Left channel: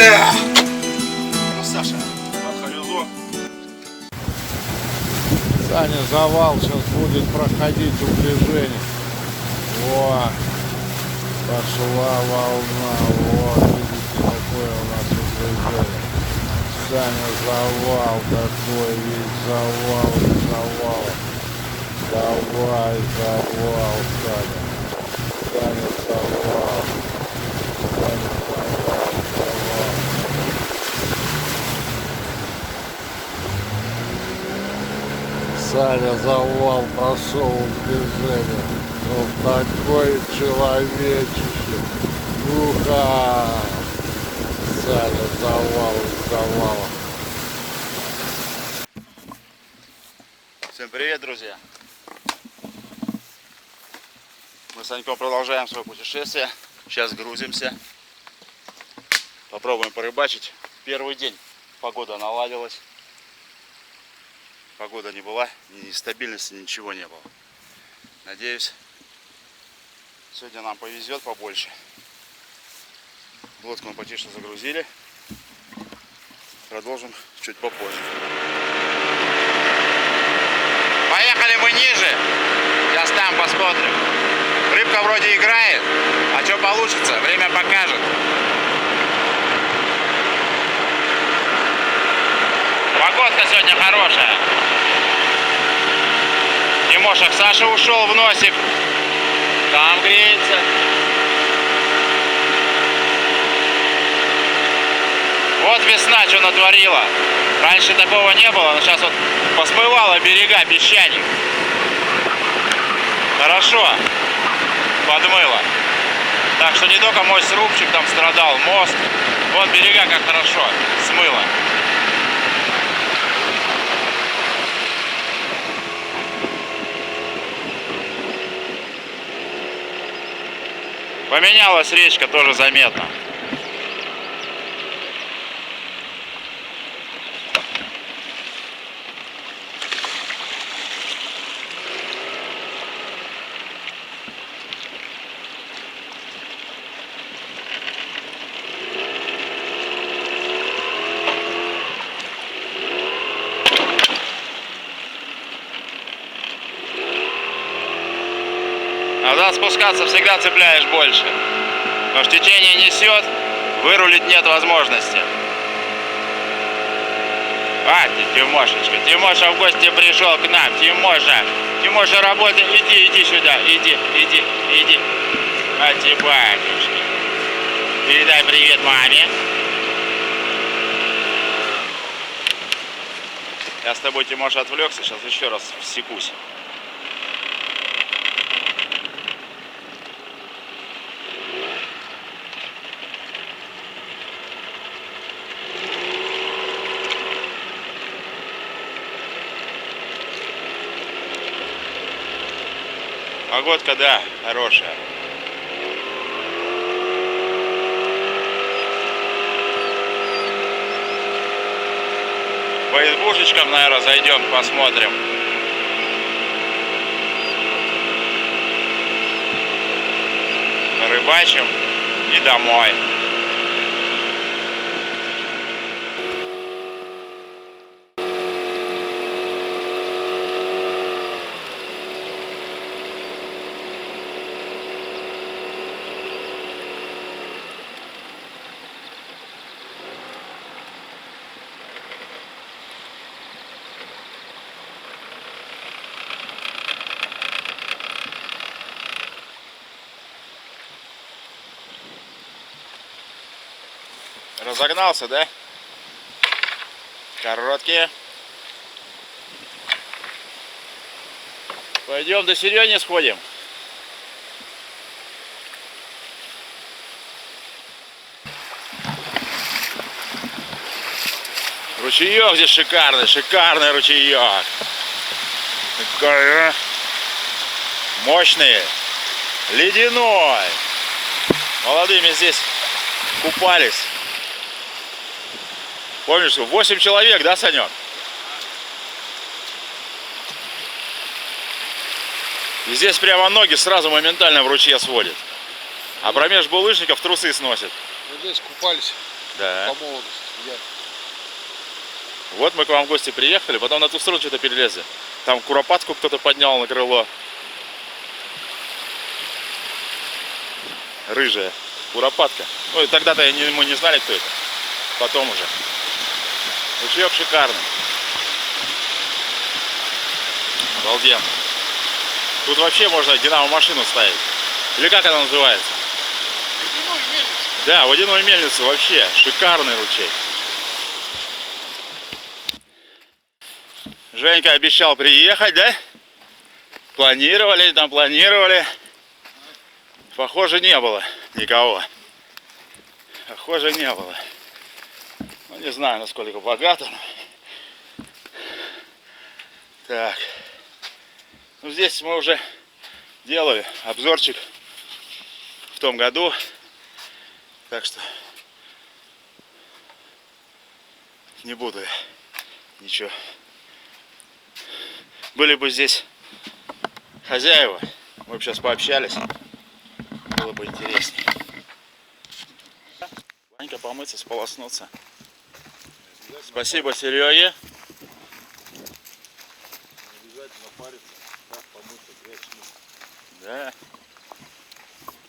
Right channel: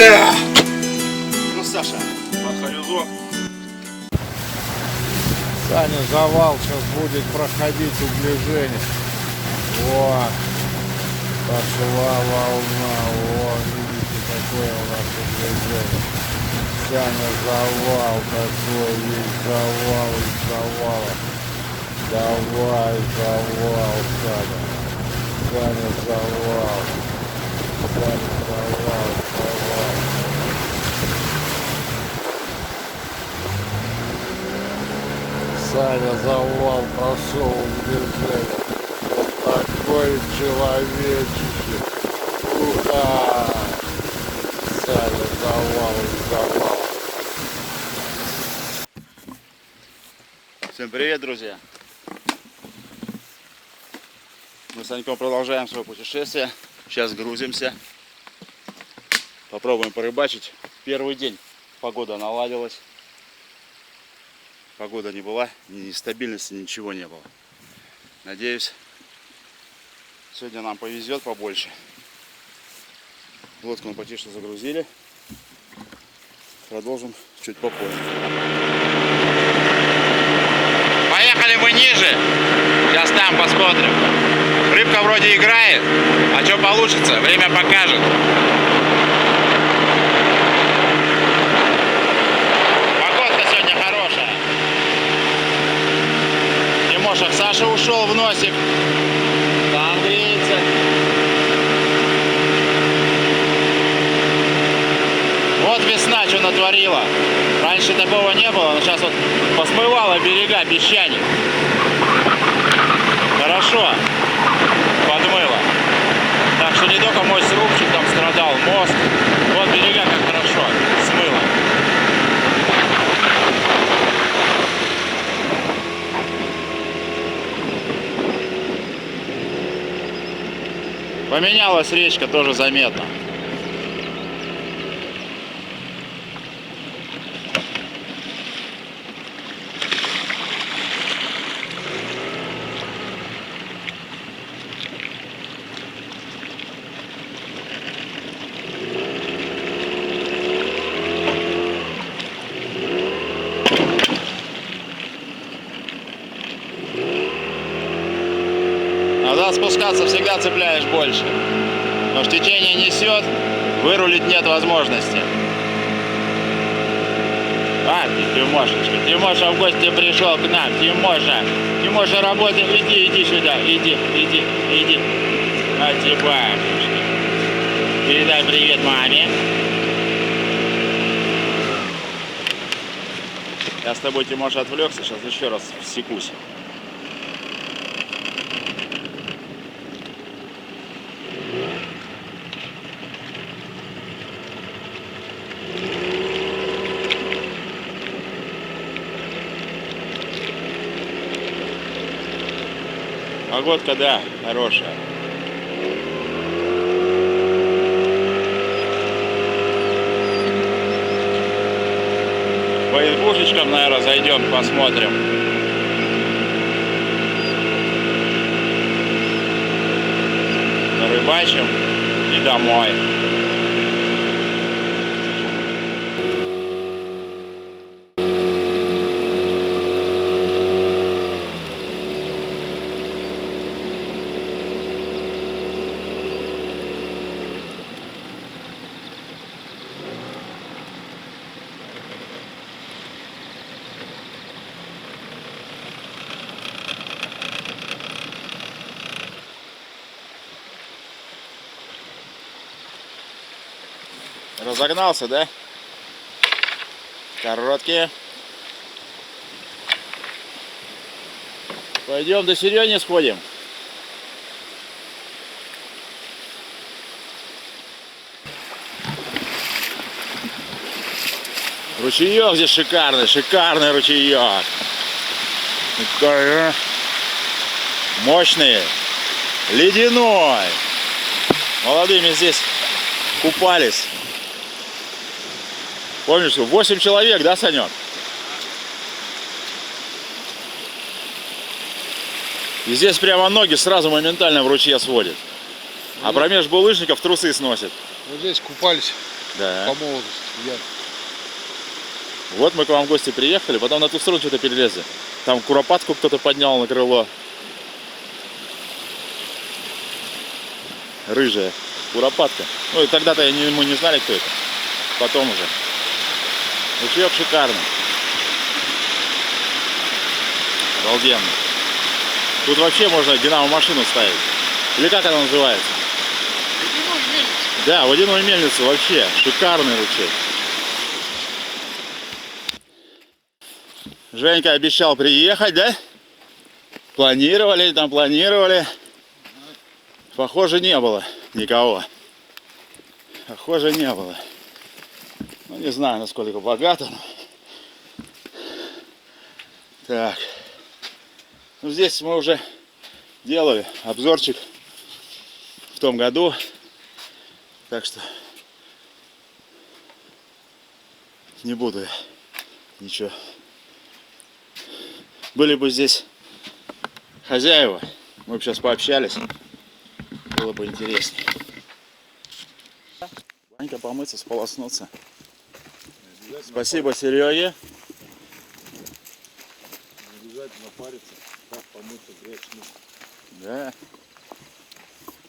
Бля! Ну, Саша, на хорюзу. Саня, завал сейчас будет проходить углежение. Во, пошла волна. Вот, видите, какое у нас углежение. Саня, завал такой, весь завал из завалов. Давай, завал, Саня. Саня, завал. Саня, завал, завал. Саня, завал прошел в движение. Вот такой человечище. Уха! Саня, завал из завала. Всем привет, друзья! Мы с Саньком продолжаем свое путешествие. Сейчас грузимся. Попробуем порыбачить. Первый день погода наладилась. Погода не была, ни нестабильности, ничего не было. Надеюсь, сегодня нам повезет побольше. Лодку мы почти что загрузили. Продолжим чуть попозже. Поехали мы ниже. Сейчас там посмотрим. Рыбка вроде играет, а что получится, время покажет. Погодка сегодня хорошая. Тимоша, Саша ушел в носик. Там греется. Вот весна что натворила. Раньше такого не было, но сейчас вот посмывала берега, песчаник. Хорошо подмыло. Так что не только мой срубчик там страдал, мост. Вот берега как хорошо смыло. Поменялась речка, тоже заметно. Надо спускаться, всегда цепляешь больше. Потому что течение несет, вырулить нет возможности. А, Тимошечка, Тимоша в гости пришел к нам. Тимоша, работай, иди сюда, иди. А, Тимошечка. Передай привет маме. Я с тобой, Тимоша, отвлекся, сейчас еще раз всекусь. Погодка, да, хорошая. По избушечкам, наверное, зайдем, посмотрим. Рыбачим и домой. Разогнался, да? Короткие. Пойдем до Серёни сходим. Ручеек здесь шикарный ручеек. Такой, мощный, ледяной. Молодыми здесь купались. Помнишь, 8 человек, да, Санек? И здесь прямо ноги сразу моментально в ручье сводит. А промеж булыжников трусы сносит. Вот здесь купались Да. по молодости. Вот мы к вам в гости приехали, потом на ту сторону что-то перелезли. Там куропатку кто-то поднял на крыло. Рыжая куропатка. Ну и тогда-то мы не знали, кто это. Потом уже. Ручеек шикарный. Обалденно. Тут вообще можно динамо-машину ставить. Или как она называется? Водяную мельницу. Да, водяную мельницу вообще. Шикарный ручей. Женька обещал приехать, да? Планировали, там планировали. Похоже, не было никого. Похоже, не было. Ну, не знаю, насколько богато. Так. Ну, здесь мы уже делали обзорчик в том году. Так что не буду я ничего. Были бы здесь хозяева, мы бы сейчас пообщались. Было бы интереснее. Ванька помыться, сполоснуться. Спасибо Сереге. Обязательно париться, как помыться, грязь смыть. Да.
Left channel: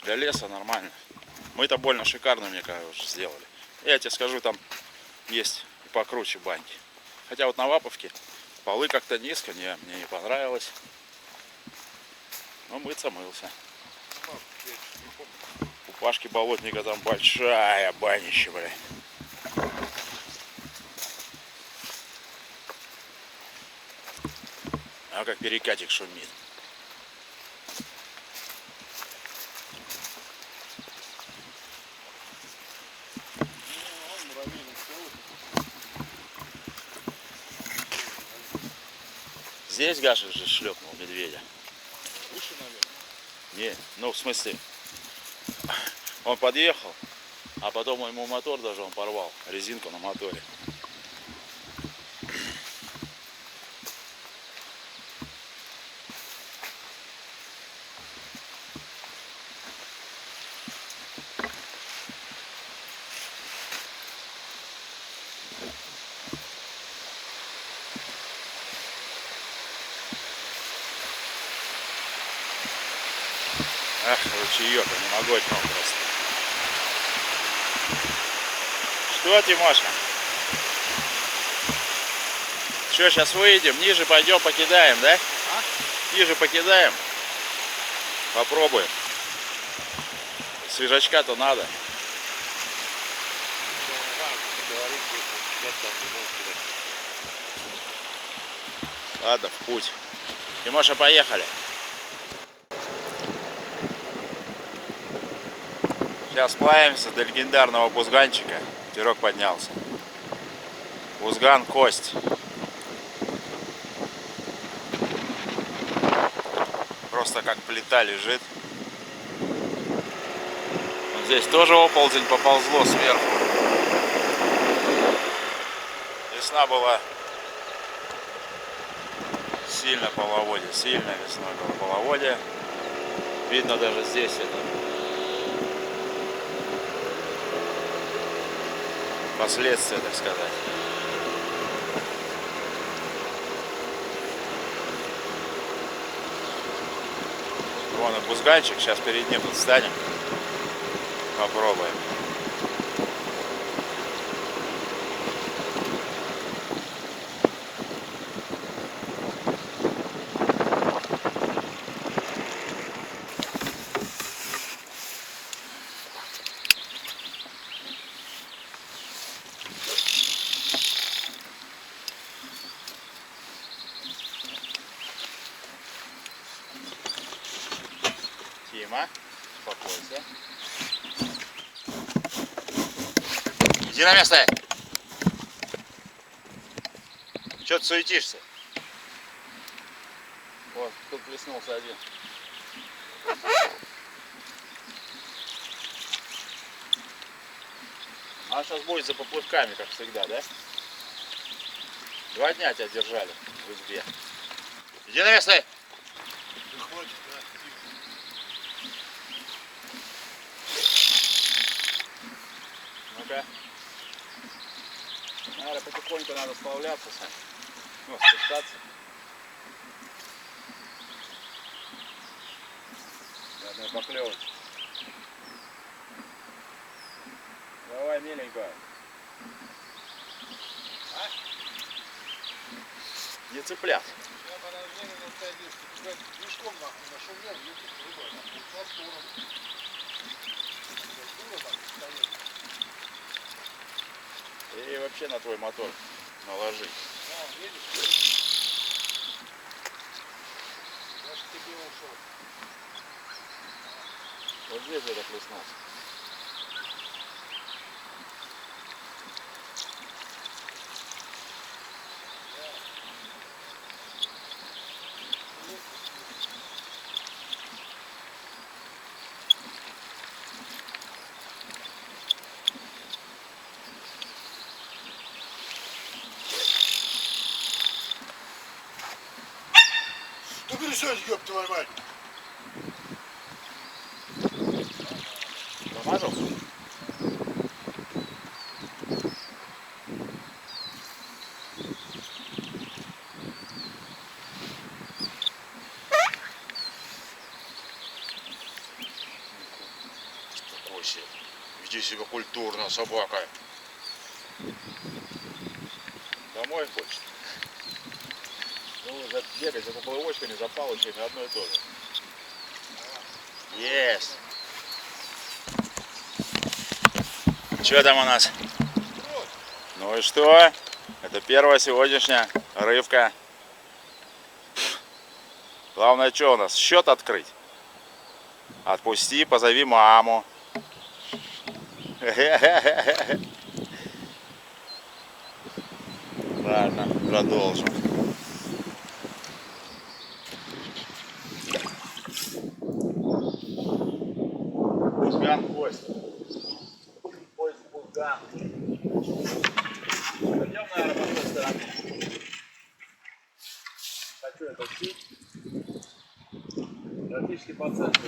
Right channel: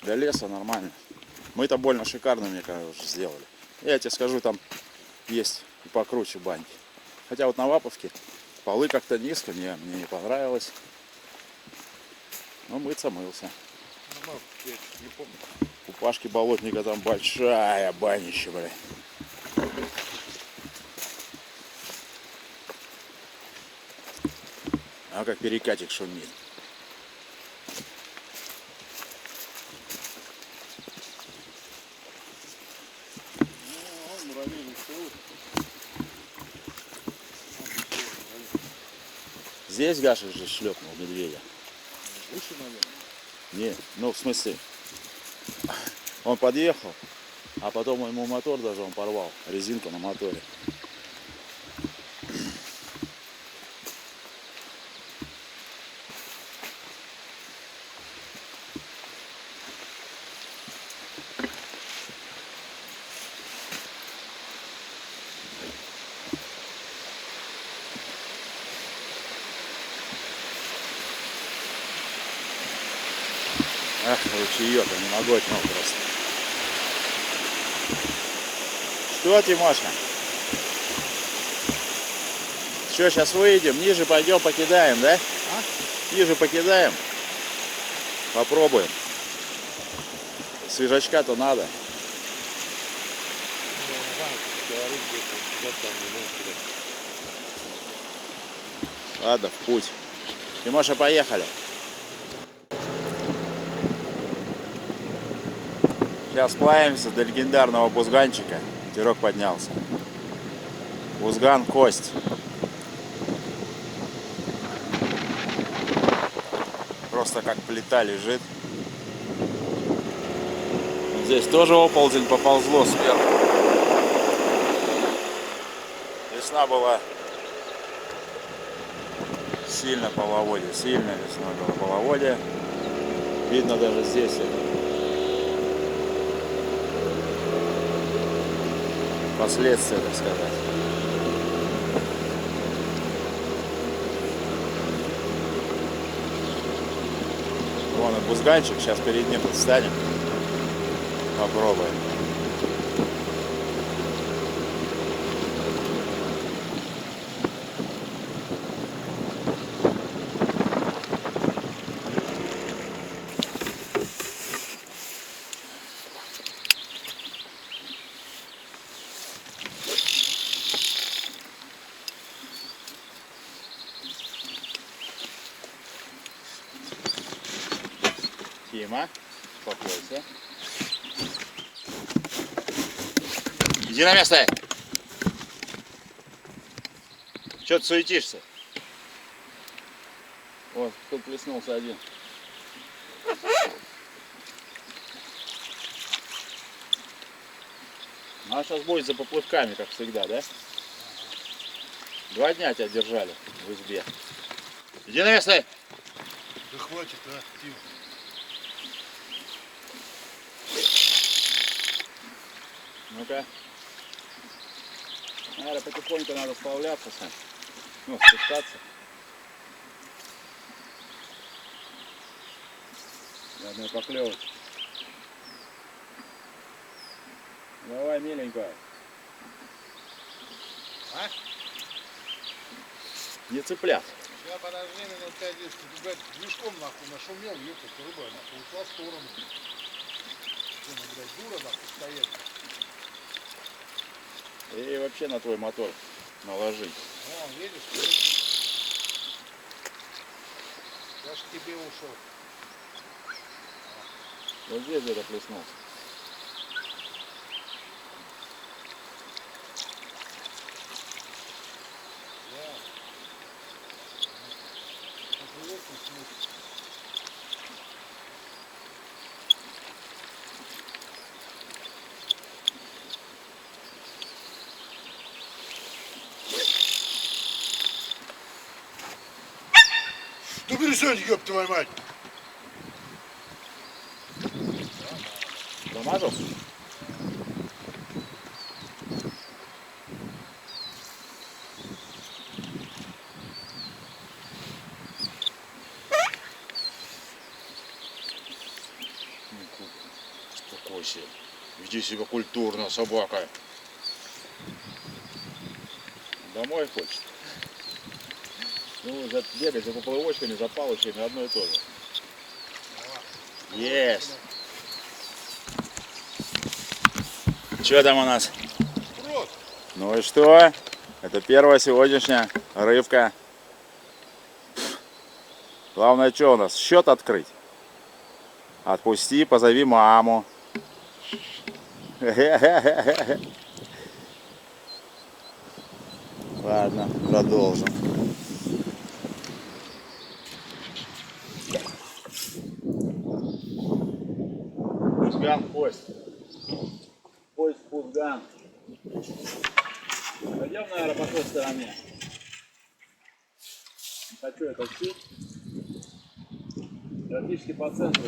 Для леса нормально. Мы-то больно шикарно, мне кажется, уже сделали. Я тебе скажу, там есть и покруче баньки. Хотя вот на Ваповке полы как-то низко, мне не понравилось. Но мыться мылся. Я не помню. У Пашки Болотника там большая банища, бля. А как перекатик шумит. Здесь Гаша же шлепнул медведя. Выше, наверное. Не, ну в смысле, он подъехал, а потом ему мотор даже он порвал, резинку на моторе. Ах, ручеек, я не могу от него просто. Что, Тимошка? Что, сейчас выйдем, ниже пойдем, покидаем, да? А? Ниже покидаем. Попробуем. Свежачка-то надо. Ладно, в путь. Тимоша, поехали. Сейчас сплавимся до легендарного бузганчика. Ветерок поднялся. Бузган кость. Просто как плита лежит. Вот здесь тоже оползень поползло сверху. Весна была сильно половодье. Сильно весной было половодье. Видно даже здесь это. Последствия, так сказать. Вон и бузганчик, сейчас перед ним встанем. Попробуем. Тима, успокойся. Иди на место. Че ты суетишься? Вот, тут плеснулся один. А сейчас будет за поплывками, как всегда, да? 2 дня тебя держали в избе. Иди на место. Да хватит, а, Тим. Ну-ка. Наверное, потихоньку надо сплавляться, Сань. Ну, спускаться. И одной поклевочки. Давай, миленькая. А? Не цыплят. Я подожди минут 5-10, ты, блядь, движком нахуй нашумел, ехать, рыба нахуй ушла в сторону. Она, блядь, дура нахуй стоит. И вообще на твой мотор наложить. Вон, видишь? Я ж к тебе ушел. Вот здесь где-то плеснул. Ну перестань, ёб твою мать! Замажу? Успокойся. Веди себя культурно, собака. Домой хочет. Ну, бегать за поплавочками, за палочками одно и то же. Есть. Что там у нас? Ну и что? Это первая сегодняшняя рыбка. Главное, что у нас? Счет открыть. Отпусти, позови маму. Ладно, продолжим. Пузган, кость. Кость, пузган. Пойдем, наверное, по той стороне. Хочу это все. Практически по центру.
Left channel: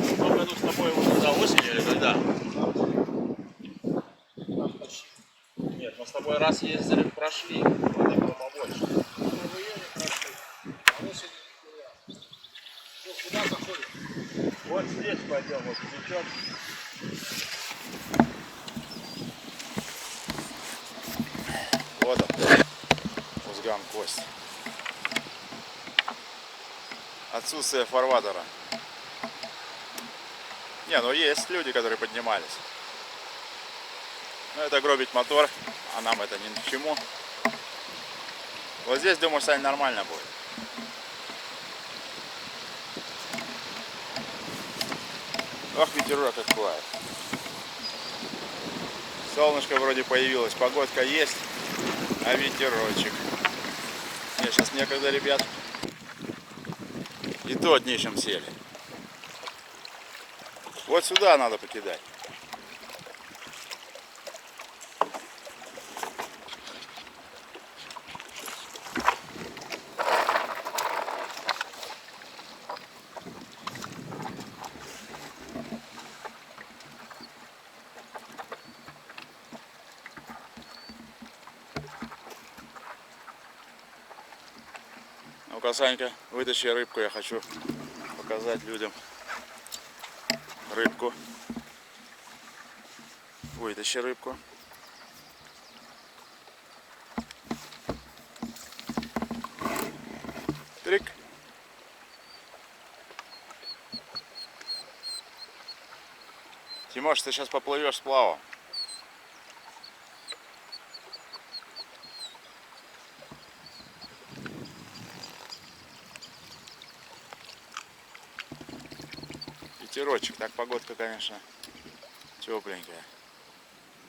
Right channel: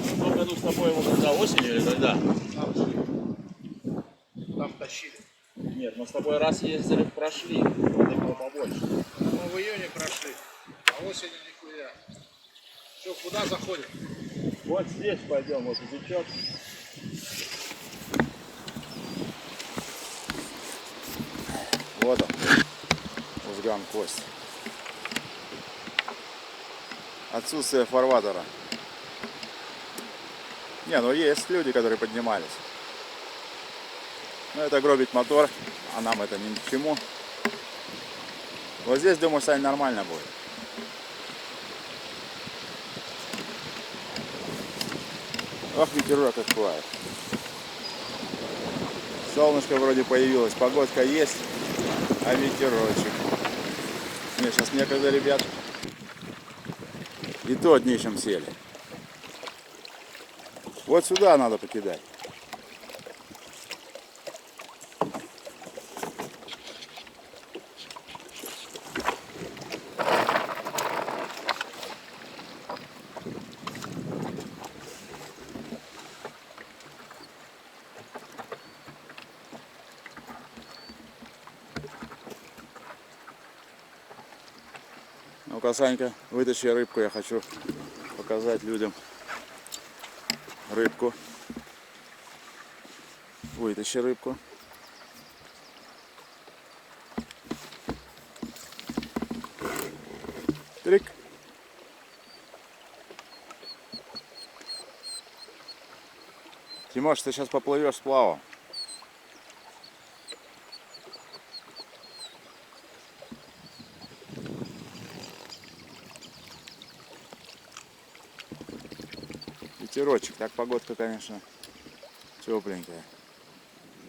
В том году с тобой его когда, осенью или когда? Там тащили. Нет, мы с тобой раз ездили, прошли. Воды было побольше. Мы в июне прошли, а осенью нихуя. Что, куда заходим? Вот здесь пойдем, вот язычок. Вот он, узган, кость. Отсутствие фарватера. Не, ну есть люди, которые поднимались. Но это гробить мотор, а нам это ни к чему. Вот здесь, думаю, Сань, нормально будет. Ох, ветерок какой. Солнышко вроде появилось, погодка есть, а ветерочек. Мне сейчас некогда, ребят. И то днищем сели. Вот сюда надо покидать. Ну-ка, Санька, вытащи рыбку, я хочу показать людям рыбку. Вытащи рыбку. Трик. Тимош, ты сейчас поплывешь сплавом. Ветерочек, так погодка, конечно, тепленькая.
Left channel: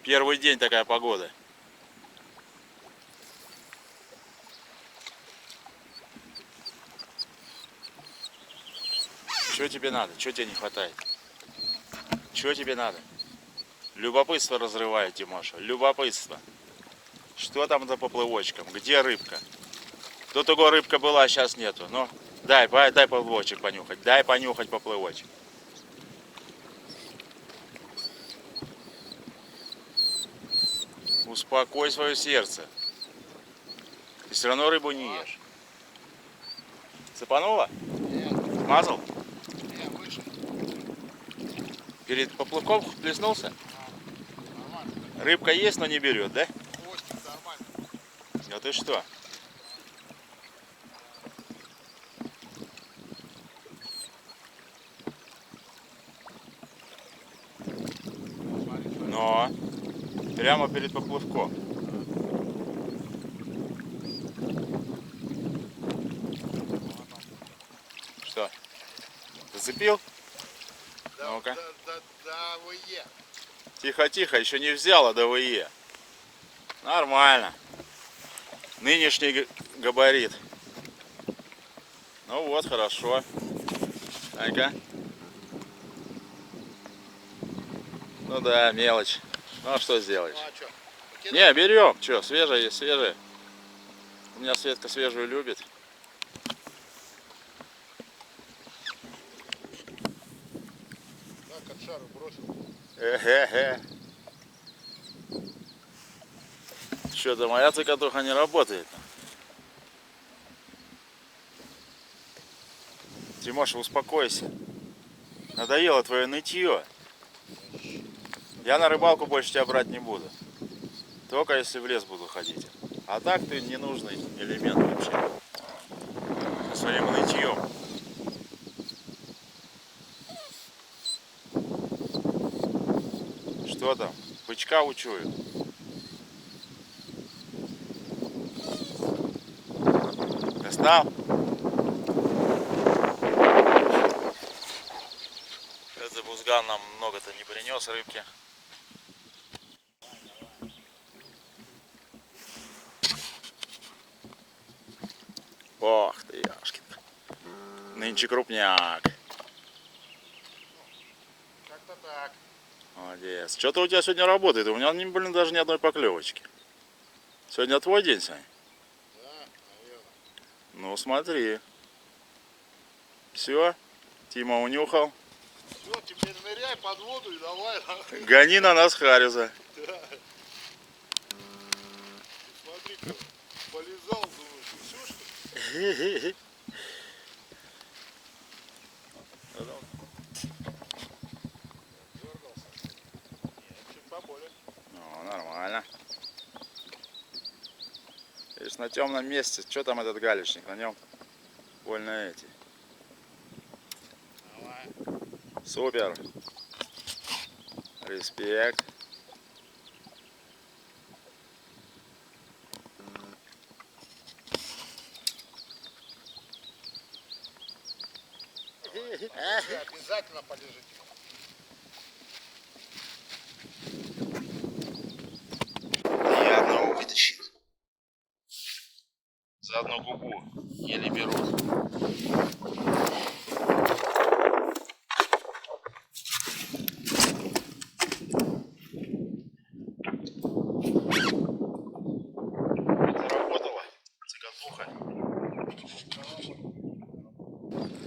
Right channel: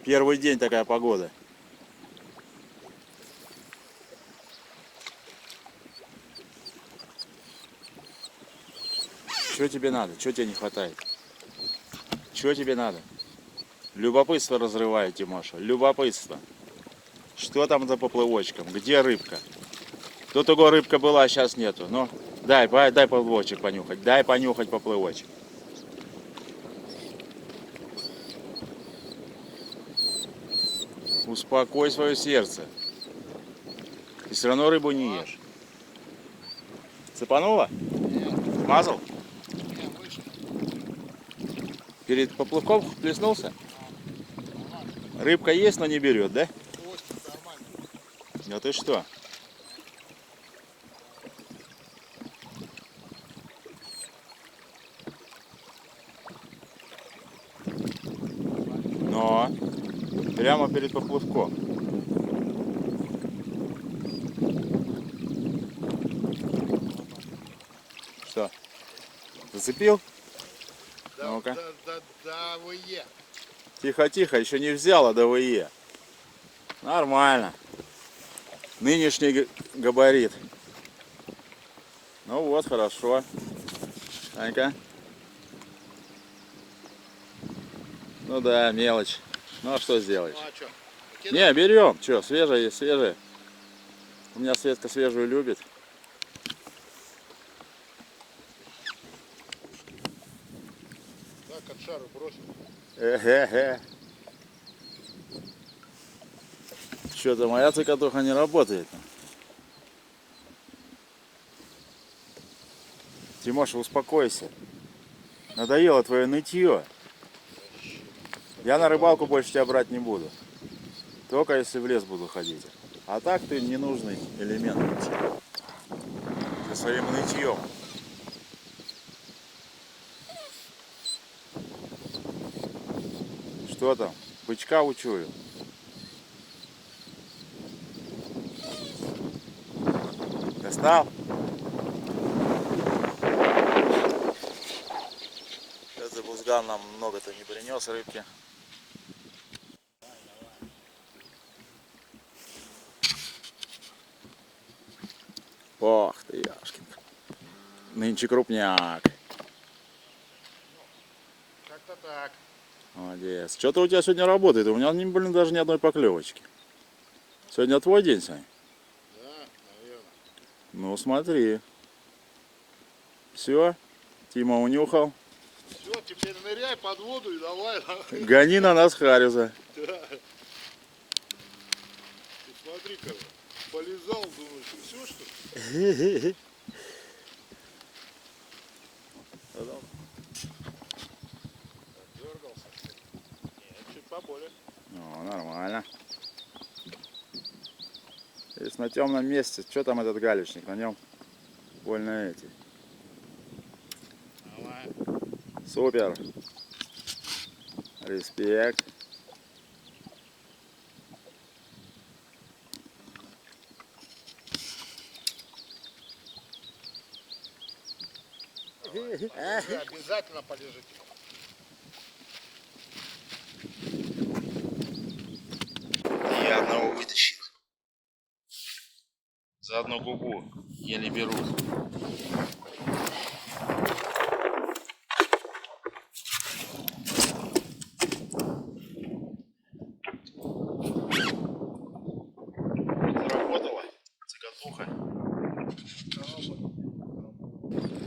Первый день такая погода. Что тебе надо? Что тебе не хватает? Что тебе надо? Любопытство разрывает, Тимоша. Любопытство. Что там за поплывочком? Где рыбка? Тут того рыбка была, а сейчас нету. Но дай поплывочек понюхать. Дай понюхать поплывочек. Успокой свое сердце. Ты все равно рыбу не ешь. Цепануло? Нет, Смазал? не, выше. Перед поплывком плеснулся? Нормально. Рыбка есть, но не берет, да? Хвостик нормально. Да ты что? Но прямо перед поплывком. Что? Зацепил? Да, Ну-ка. да, ВЕ. Тихо-тихо, еще не взяла ДВЕ. Нормально. Нынешний габарит. Ну вот, хорошо. Анька. Ну да, мелочь. Ну а что сделаешь? Ну а что? Не, берем. Че, свежая есть, свежая. У меня Светка свежую любит. Так, от шара бросил. Эхе-хе. Что-то моя цикатуха не работает. Тимоша, успокойся. Надоело твое нытье. Я на рыбалку больше тебя брать не буду. Только если в лес буду ходить. А так ты ненужный элемент вообще. Со своим нытьем. Что там? Бычка учуют. Достал? Этот бузган нам много-то не принес рыбки. Ох ты, яшкин. Нынче крупняк. Как-то так. Молодец. Что-то у тебя сегодня работает. У меня, блин, даже ни одной поклевочки. Сегодня твой день, Сань? Да, наверное. Ну, смотри. Все. Тима унюхал. Все, теперь ныряй под воду и давай. Гони на нас Хариза. Да. Ты смотри-ка, полезал, думаешь, и все, что ли? Дергался. Нет, чуть поболее. Ну, нормально. Видишь, на темном месте. Что там этот галечник? На нем больно эти. Давай. Супер. Респект. Полежи, обязательно полежите. Я одного вытащил. За одну губу еле берут. Заработала цикатуха.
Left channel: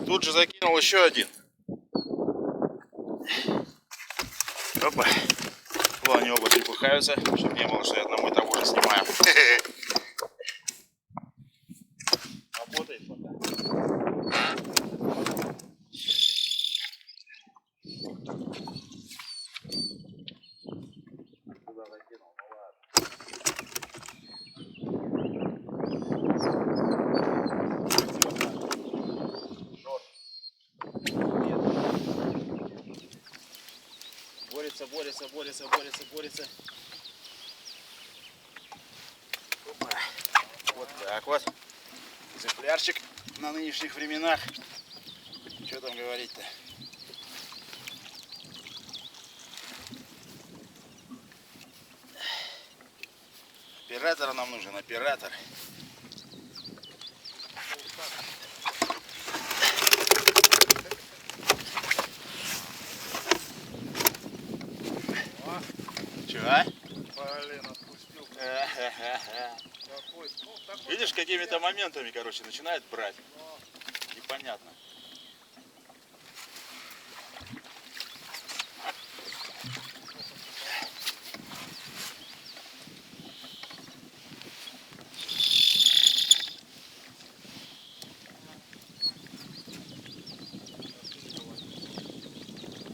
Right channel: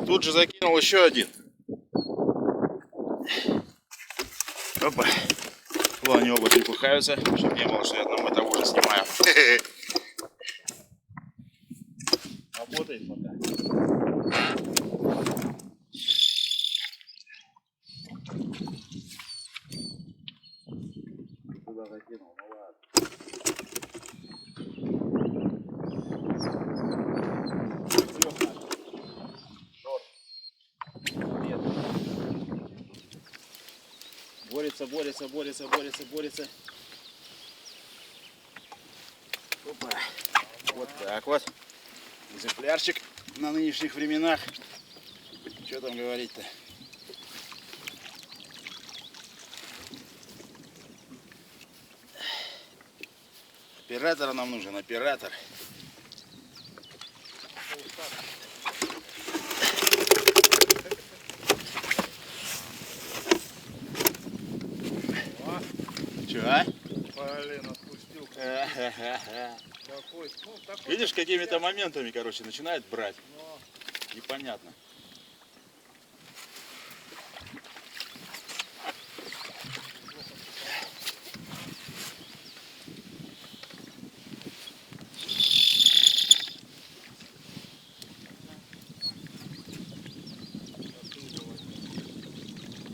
Тут же закинул еще один. Опа. Вон они оба трепыхаются, чтобы не было, что я одного и того же снимаю. Работает пока. Туда закинул, ну ладно. Борется, борется, борется, борется, борется. Опа. Вот так вот. Экземплярчик на нынешних временах. Что там говорить-то? Оператор нам нужен, оператор. Че, а? Блин, отпустил. Какой? Ну, такой. Видишь, какими-то моментами, короче, начинает брать. Но Непонятно.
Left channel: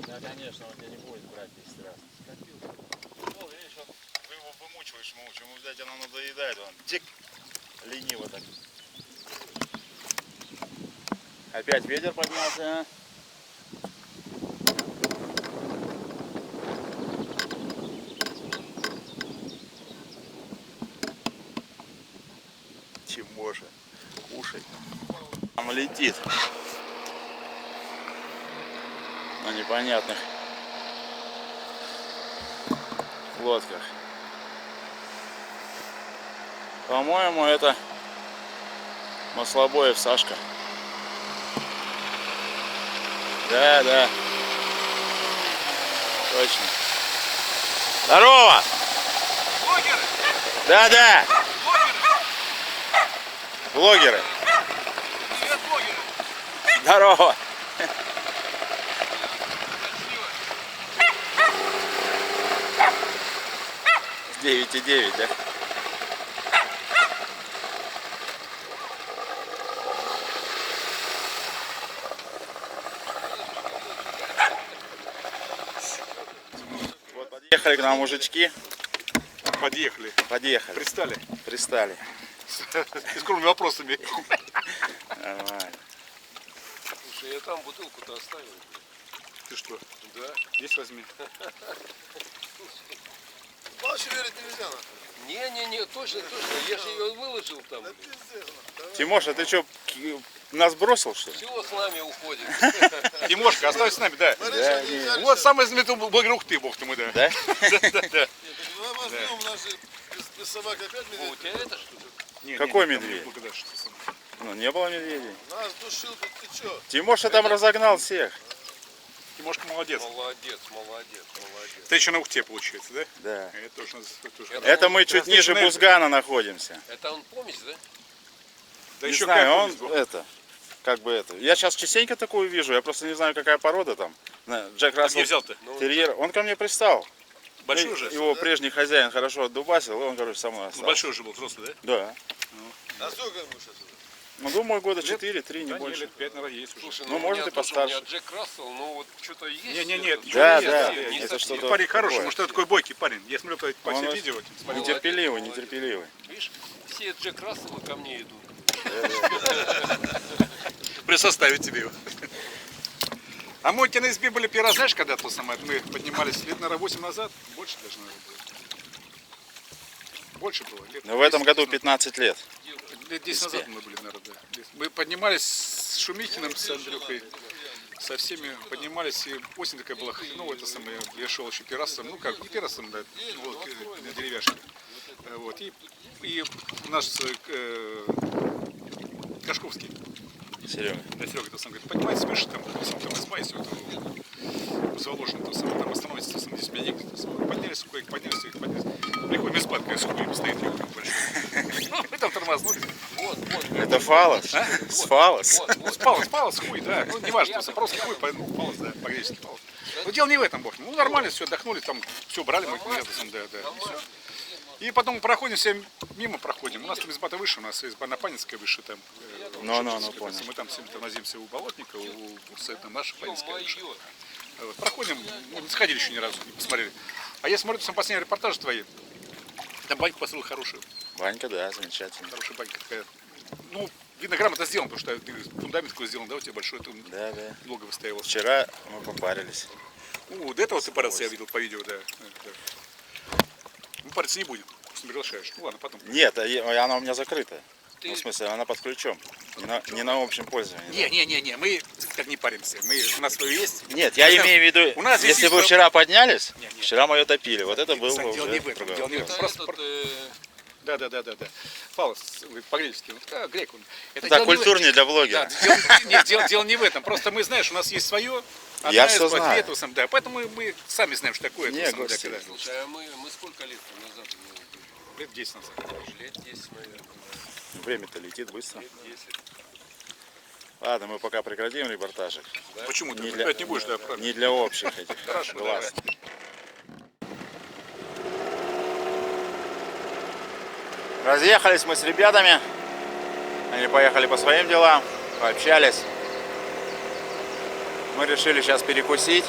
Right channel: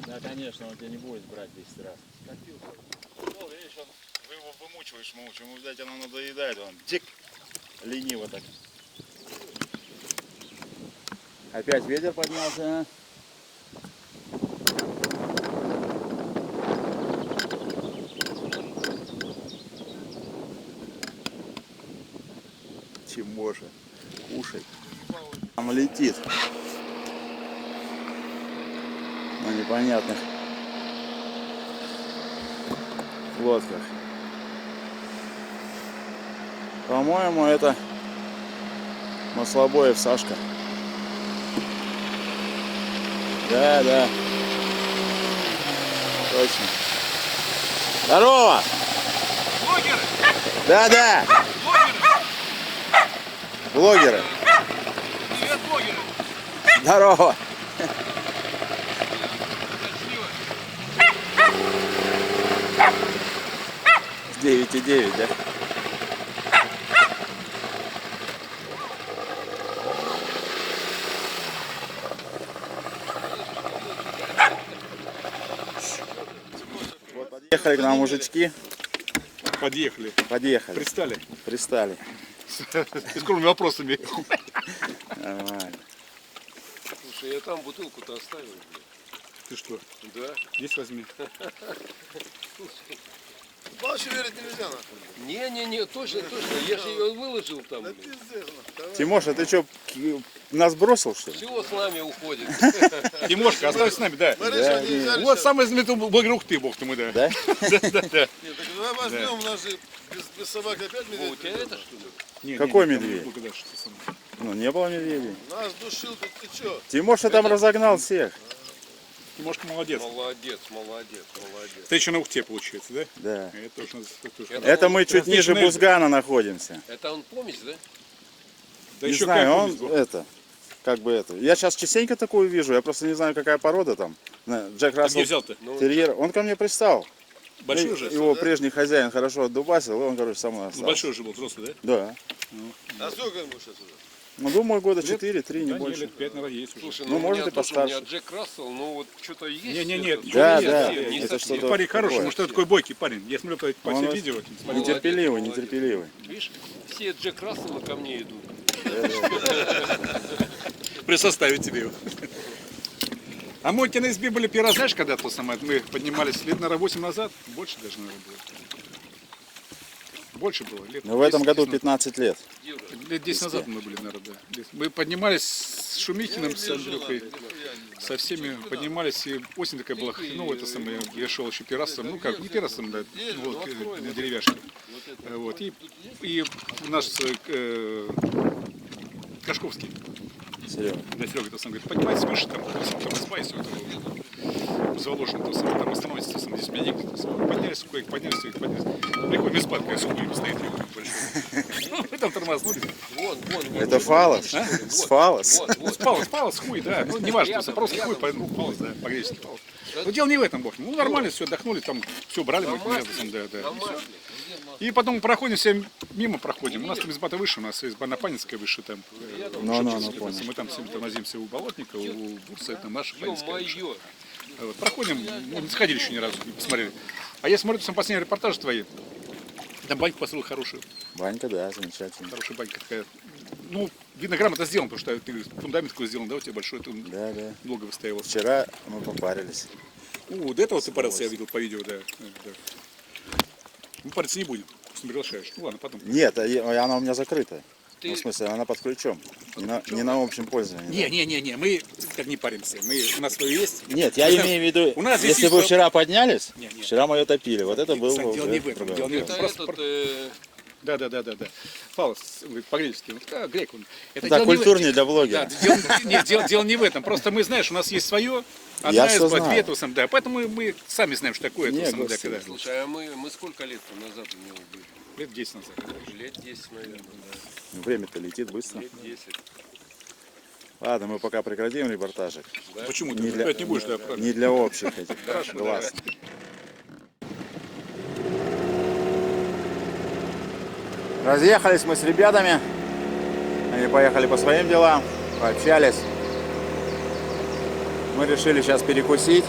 Да, конечно, он тебя не будет брать 10 раз. Ну, видишь, вы его вымучиваешь, ему, взять, оно надоедает, он тик, лениво так. Опять ветер поднялся, а? Тимоша, кушай. Там летит. На непонятных лодках. По-моему, это Маслобоев Сашка. Да, да. Точно. Здорово! Блогеры! Да, да. Блогеры! Блогеры. Привет, блогеры! Здорово. Красиво. 9,9, да? Вот подъехали к нам мужички. Подъехали. Подъехали. Пристали. Пристали. И скромными вопросами. Нормально. Слушай, я там бутылку-то оставил, блин. Ты что? Да. Здесь возьми. Больше верить нельзя, нахуй. Не-не-не, точно. Я же ее выложил там, Да блин. пиздец, нахуй. Тимоша, ты что, нас бросил, что ли? Все с нами уходит. Тимошка, оставайся с нами, да. Смотри, Да, что нельзя. Вот самый знаменитый блогер Ухты, бог ты мой, да. Да? Да. Нет, так давай возьмем, у нас же без собак опять О, медведь. у тебя это что ли? Не, Какой не, там медведь? благодар, что ты сам. Ну, не было медведей. Нас душил тут, ты чё? Тимоша там разогнал всех. Тимошка молодец. Молодец. Ты еще на Ухте, получается, да? Да. Это уж тоже. Это мы чуть ниже Различные- Бузгана находимся. Это он помесь, да? Да Не еще знаю, как он повезло. это, как бы это. Я сейчас частенько такую вижу, я просто не знаю, какая порода там. Джек Ты Рассел где взял-то? Ну, терьер. Он ко мне пристал. Большой И уже? Его прежний хозяин хорошо отдубасил, и он, короче, со мной Ну, остался. большой уже был, взрослый, да? Да. А сколько ему сейчас уже? Ну, думаю, года Лет? 4-3, не Да, не, больше. лет 5, наверное, есть уже. слушай, Ну, у может, меня и тоже, у меня постарше. Джек Рассел, ну вот что-то есть. Не-не-не, это, Да, не да, совсем, не это совсем. что-то- Парень хороший, такое. может, такой бойкий парень. Я смотрю по Он всем у- видео. Смотрю. Молодец, Нетерпеливый, молодец. нетерпеливый. Видишь, все Джек Расселы ко мне идут. Присоставить тебе его. А мы у тебя на избе были первый раз, знаешь, когда то самое, мы поднимались лет, наверное, 8 назад, больше даже, наверное, было. Больше было. Лет Но в этом 10 году назад. 15 лет. Лет 10 назад мы были, наверное, да. Мы поднимались с Шумихиным, с Андрюхой, со всеми поднимались, и осень такая была, ну, это самое, я шел еще пирасом, ну, как, не пирасом, да, ну, вот, на деревяшке. Вот, и наш Кашковский, Серега. да, Серега, то сам говорит, поднимайтесь выше, там изба есть, заложено, то самое, там остановитесь, то самое, здесь у меня негде, то самое. Мы поднялись, кое-как поднялись. Приходим, изба такая с хуем стоит, я говорю, большой. Мы там тормознули. Вон. Это фалос. С фалос. Палос, хуй, да. Ну, не важно, просто хуй, палос, да, по-гречески палос. Но дело не в этом, бог. Ну, нормально, все, отдохнули, там, все, брали мы рядом, да. И всё. И потом проходим, все мимо проходим. У нас там изба-то выше, у нас изба Напанинская выше, там. Ну, понял. Мы там все тормозимся у Болотника, у Бурса, там наша Панинская выше. Ё-моё. Вот, проходим, ну, не сходили еще ни разу, не посмотрели. А я смотрю, там последние репортажи твои. Там баньку построил хорошую, Ванька, да, замечательно. хорошая банька такая. Ну, видно, грамотно сделан, потому что ты фундамент такой сделан, да, у тебя большой, ты Да, да. долго выстаивал. Вчера мы попарились. До этого ты парился, я видел по видео, да. Мы париться не будем, просто не приглашаешь. Ну ладно, потом. Нет, она у меня закрыта. Ты- Ну, в смысле, она под ключом. Не на общем пользовании. Не, мы так не паримся. У нас свое есть. Нет, я имею в виду, у нас здесь если есть вы свое- вчера поднялись, Не. вчера мы ее топили. Вот это было Дело уже не в этом, другой дело не в вопрос. этом. Это Просто- этот, Да. Фалос, говорит, по-гречески. Вот, грек он. Это Так, дело не в- культурнее для Да, блогера. дело не в этом. Просто мы, знаешь, у нас есть свое. Я Одна всё изба, знаю. две, то сам, да. Поэтому мы сами знаем, что такое. Не, то самое, господи. когда- слушай, а мы сколько лет назад у него были? Лет 10 назад. Лет 10, наверное, да. Время-то летит быстро. Лет 10. Ладно, мы пока прекратим репортажик. Почему ты Не для- опять не будешь, да, правильно? Не для общих этих Хорошо, глаз. Разъехались мы с ребятами. Они поехали по своим делам, пообщались. Мы решили сейчас перекусить.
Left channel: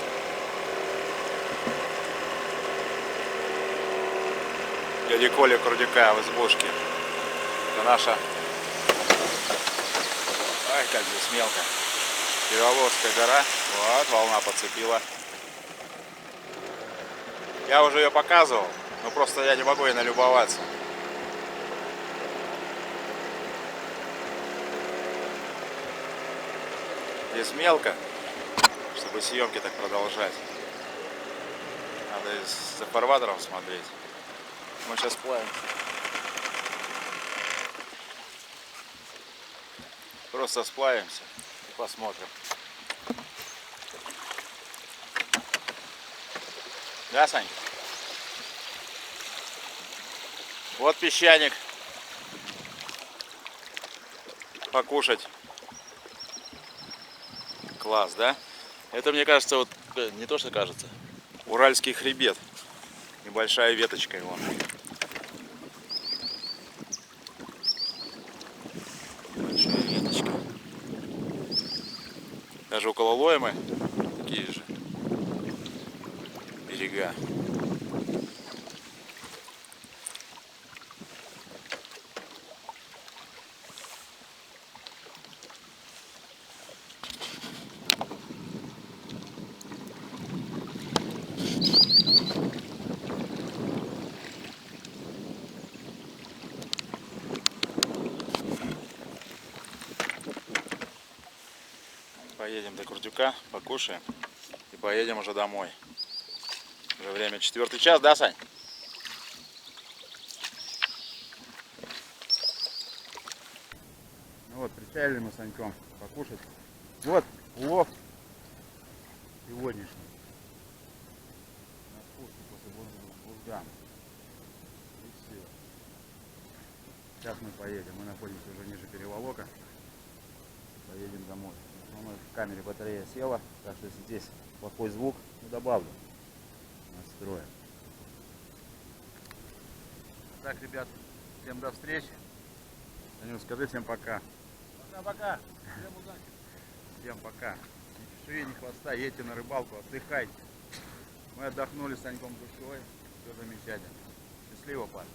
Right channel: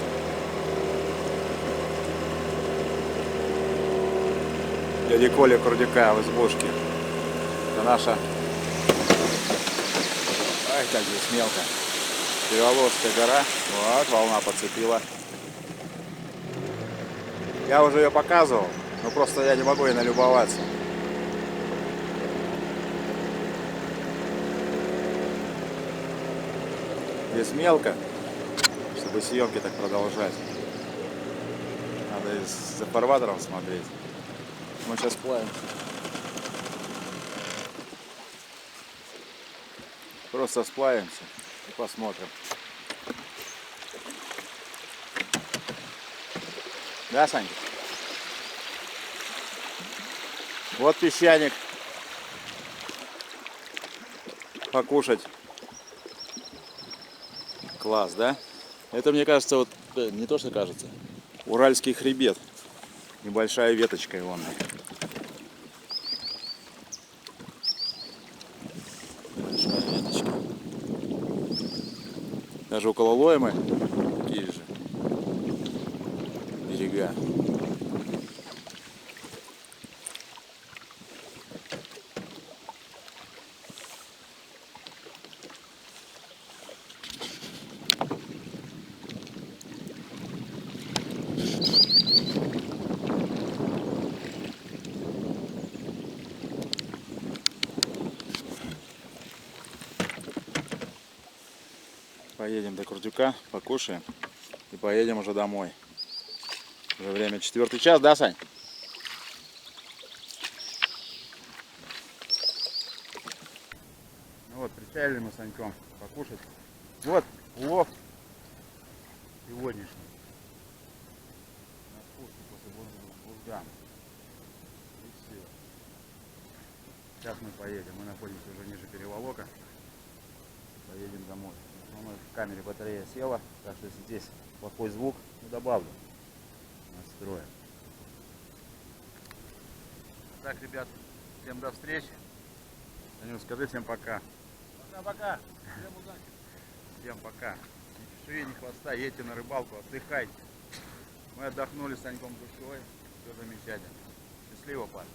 Дяди Коля Курдюка в избушке. Это наша... Ай, как здесь мелко. Переволожская гора. Вот, волна подцепила. Я уже ее показывал, но просто я не могу ей налюбоваться. Здесь мелко, чтобы съемки так продолжать. Надо из-за фарватеров смотреть. Мы сейчас плаваемся. Просто сплавимся и посмотрим. Да, Санька? Вот песчаник. Покушать. Класс, да? Это, мне кажется, вот не то, что кажется. Уральский хребет. Небольшая веточка его. Большая веточка. Даже около Лоймы такие же берега. Поедем до Курдюка, покушаем и поедем уже домой. Уже время 4-й час, да, Сань? Ну вот, причалили мы с Саньком покушать. Вот улов сегодняшний. На спуске после Бургана. И все. Сейчас мы поедем. Мы находимся уже ниже переволока. Поедем домой. У нас в камере батарея села, так что если здесь плохой звук, ну добавлю. Настроим. Так, ребят, всем до встречи. Танюш, скажи всем пока. Пока-пока. Всем удачи. Всем пока. Ни чешуи, ни хвоста, едьте на рыбалку, отдыхайте. Мы отдохнули с Саньком душой. Все замечательно. Счастливо, парень.